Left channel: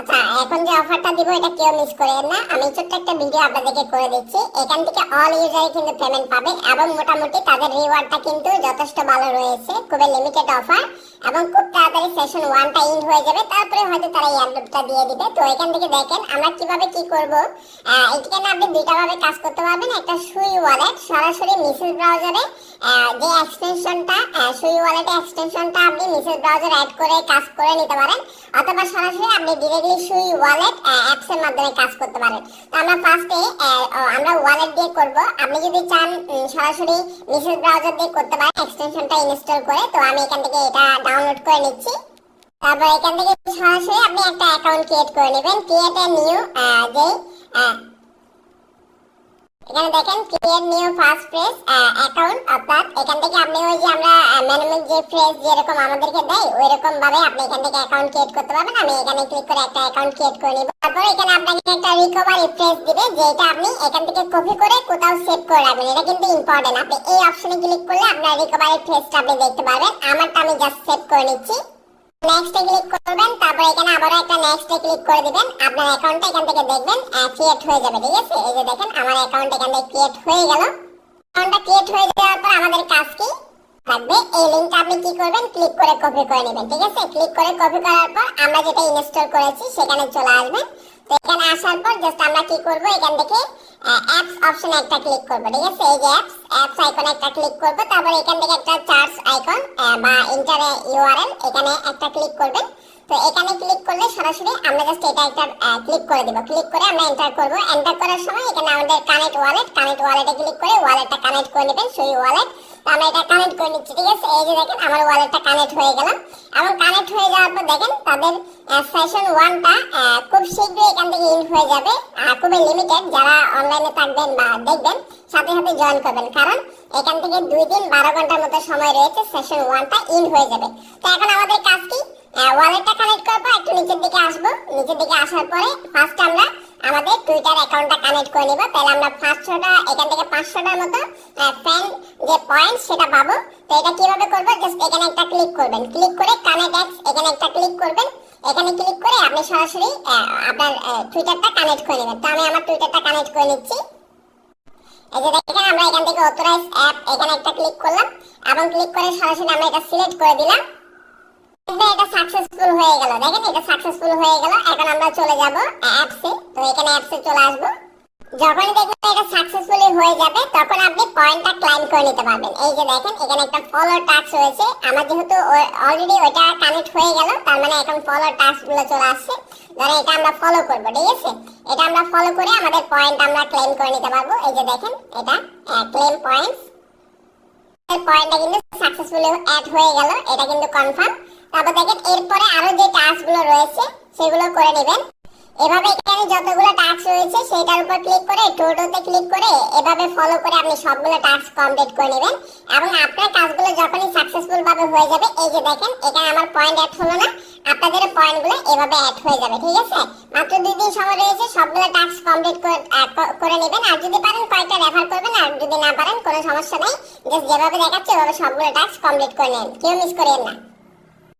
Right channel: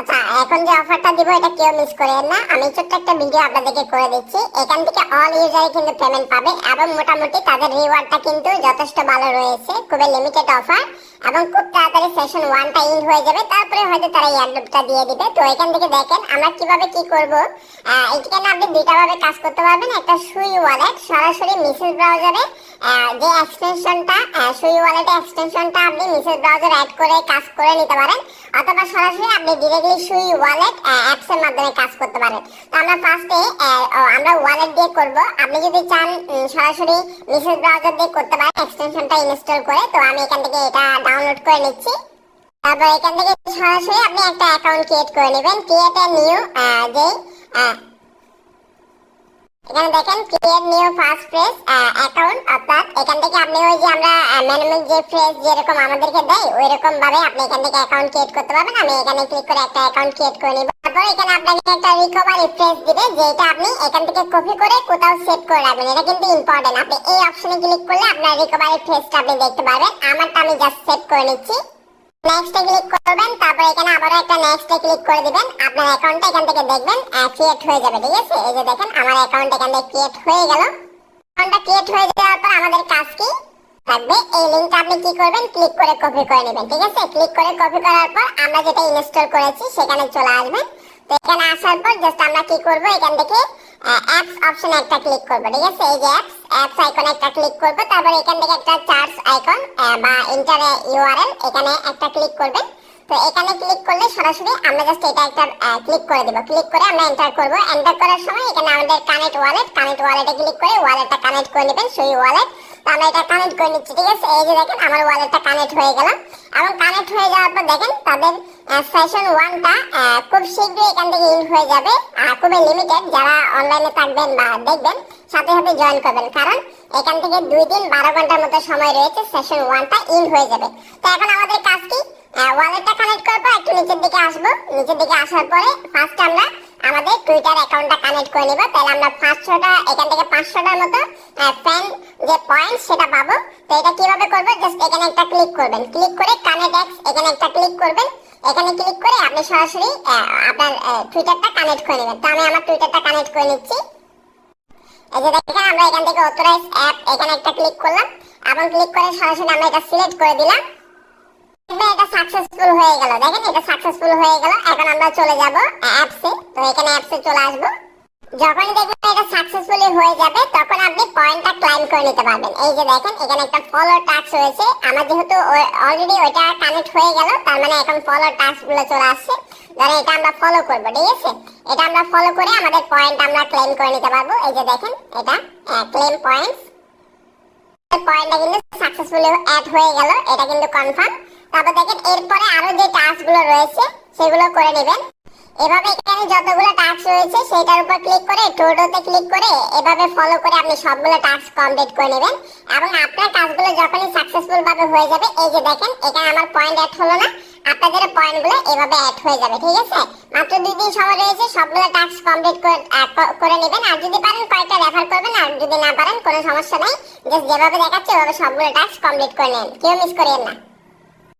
আচ্ছা, এখন যে অফারটা দিব এটা কেউ মিস করেন না। আমি ছোট্ট একটা ভিডিও আপনাদেরকে করে দিচ্ছি। এখান থেকে অল ইউজারই কিন্তু পেমেন্ট পাবে এবং মোটামুটি তাদের রিওয়ার্ডটা কিন্তু যথেষ্ট ভালো রয়েছে। খুবই লিমিটেড অফার এবং খুব তাড়াতাড়ি সেশন 1টা এন্ড হয়ে যাবে, তারপরে হয়তো তারা এয়ারড্রপটা দিয়ে দিবে। তো এখান থেকে দেখেন আমরা কিভাবে কি করব। এখানে আপনি দুইটা ভাবে কাজ করতে পারবেন। একটা সুই ওয়ালেট, সরাসরি মেসেজ ব্রাউজারে যে এক্সটেনশনটা সুই ওয়ালেটে এক্সটেনশনটা আপনি মেসেজ ব্রাউজার অ্যাড করে কাজ করে নিতে পারেন, অথবা সরাসরি আপনি ডিরেক্টলি সুই ওয়ালেট অ্যাপসের মাধ্যমে কাজ করতে পারেন। তো আমরা ফার্স্টে আমরা ওয়ালেট দিয়ে করব। আপনি যদি চান সরাসরি মেসেজ ব্রাউজার দিয়ে করতে পারেন এক্সটেনশনটা ইনস্টল করে। তো আমি এখান থেকে এটা ডাউনলোড করে নিচ্ছি। তারপর এখান থেকে সরাসরি আপনি একটা অ্যাকাউন্ট ক্রিয়েট করে নেবেন। ক্রিয়েট এ নিউ যে এখানে দেখেন create new first phrase account, অর্থাৎ এখান থেকে আপনি ওই যে আমরা ম্যানুয়াল যে ফ্রেজ যেরকম আমাদেরকে দেয় ওই রকম ভাবে আপনি এখান থেকে অ্যাকাউন্ট ক্রিয়েট করতে পারবেন। আমি এখানে ক্লিক করে একটা অ্যাকাউন্ট ক্রিয়েট করে নিব। তারপর এখানে আপনাকে একটা রিকভারি ফ্রেজ দিবে, যেটা আপনি এখান থেকে কপি করে কোথাও সেভ করে রাখবেন। এটা কিন্তু ইম্পর্টেন্ট। আপনি এই অপশনে ক্লিক করলে আপনার রিকভারি ফ্রেজটা আপনি দেখতে পারবেন। আমারটা আমি জাস্ট সেভ করে নিচ্ছি। নেক্সট এ ক্লিক করবেন, তারপর এখানে আবারো একটা নেক্সট এ ক্লিক করে দিবেন। আপনার অ্যাকাউন্টটা এখান থেকে দেখবেন ক্রিয়েট হয়ে যাবে। ঠিক আছে, এই যে দেখেন আমার অ্যাকাউন্ট এখান থেকে ক্রিয়েট হয়ে গেল। অ্যাকাউন্টটা ক্রিয়েট হয়ে যাওয়ার পর আমাদের কাজ কি থাকবে, এই লিংকটা আপনি কি করবেন, ক্লিক করে কপি করে নেবেন। ঠিক আছে, ক্লিক করে কপি করার পর আমরা যেটা ইনস্টল করেছি সেখানে চলে আসবেন। তো এখানে আসার পর জাস্ট আমরা কি করব, এখান থেকে অ্যাপস অপশনে একটা ক্লিক করব। ঠিক আছে, এই যে অ্যাপস আইকনে একটা ক্লিক করব। তারপর এখান থেকে একটা চার্জ আইকন বা এন্টার ইউআরএল এখানে একটা ক্লিক করবেন। তো এখানে ক্লিক করলে সরাসরি আমরা জাস্ট এটা একটা ক্লিক করে দেব। ক্লিক করে আমরা এন্টার করব। এন্টার করার সময় এখানে আমাদের কানেক্ট ওয়ালেটে ক্লিক করে ওয়ালেটটা কানেক্ট করে নেবেন, সুই ওয়ালেট। তো আমরা এটা কানেক্ট করে নিচ্ছি। ঠিক আছে, এই যে দেখেন আমার ওয়ালেটটা কানেক্ট হয়ে গেল। এবং কানেক্ট হয়ে যাওয়ার পর দেখেন তাদের সেশন 1টা খুব শীঘ্রই এখান থেকে ইন হয়ে যাবে। খুবই লিমিটেড, যারা অনলাইনে থাকবেন বা দেখবেন সাথে সাথে জয়েন করবেন, কারণ এখান থেকে 2 দিন 12 ঘন্টার মতো সময় রয়েছে, সেশন 1টা ইন হয়ে যাবে। তো এখন আমাদের কাজ কি, ওয়ালেটটা কানেক্ট করার পর একটু নিচের দিকে আসবো। নিচের দিকে আসার পরে ফার্স্ট আমরা আমাদের টুইটার অ্যাকাউন্টটা কানেক্ট করে নিব। তাহলে আমরা 500টা এখান থেকে 500টার মতো ফ্যান যে পয়েন্ট সেটা পাবো। তো এটা কিভাবে করবো, জাস্ট এখানে একটা ক্লিক করবেন। ক্লিক করে কানেক্ট এক্স এখানে একটা ক্লিক করবেন। এখানে ক্লিক করে আপনি সরাসরি আপনার টুইটারটা কানেক্ট করে নেবেন। তো আমি আমার টুইটারটা কানেক্ট করে নিচ্ছি। এই যে দেখেন আমরা এখান থেকে অথরাইজ অ্যাপ এখানে একটা ক্লিক করলাম এবং ক্লিক করে সরাসরি আমরা এটা সিলেক্ট করে দিলাম। এটা সাকসেসফুল হয়ে গেল। দেখেন এটা সাকসেসফুল হয়ে গেল। এখন আমরা চলে যাব অ্যাপসে। তো এখানে অ্যাপসে চলে আসবো। যখনই দেখবেন এটা সাকসেসফুলি হয়ে যাবে তখন আপনি পয়েন্টটা ক্লাইম করে নিতে পারবেন। এই যে দেখেন এখানে একটা ফলো টাস্ক রয়েছে। আমার যেহেতু অলরেডি ওটা কানেক্ট হয়ে গেল, তার মানে এখন ফলো টাস্ক গুলো চলে আসছে। ধরেন এটা আমরা ফলো করব। ঠিক আছে, এটা আমরা ফলো করে আমাদের পয়েন্ট আমরা ক্লেম করে নিতে পারবো। এই যে দেখেন এটা ক্লেম পয়েন্টস, পয়েন্টটা কিন্তু সাকসেসফুলি অ্যাড হয়ে গেল, এটা কিন্তু কনফার্ম। তারপর দেখেন এরপরে আরো যে টাস্ক গুলো রয়েছে সেগুলো করে নেবেন। এভাবে এখানে যতগুলো টাস্ক রয়েছে সেটার উপর ক্লিক করে টোটোতে ক্লিক করে এভাবে ফলো করে আপনি সবগুলো টাস্ক কমপ্লিট করে নেবেন এবং আপনার কাজগুলো যখনই সাকসেসফুল ভাবে হয়ে যাবে, এই যে দেখেন এখানে আমার পয়েন্ট অ্যাড হলো না, আপনাদের পয়েন্টগুলো এভাবে অ্যাড হয়ে যাবে। ঠিক আছে, মাত্র 2 দিন সময় রয়েছে, সবগুলো টাস্ক কমপ্লিট করে নেবেন। আর যদি পারেন কয়েকটা রেফার করবেন, আর যদি না পারেন কোনো সমস্যা নাই, জাস্ট যেভাবে দেখাচ্ছে ওভাবে সবগুলো টাস্ক কমপ্লিট করে নেন, কেউ মিস করেন না।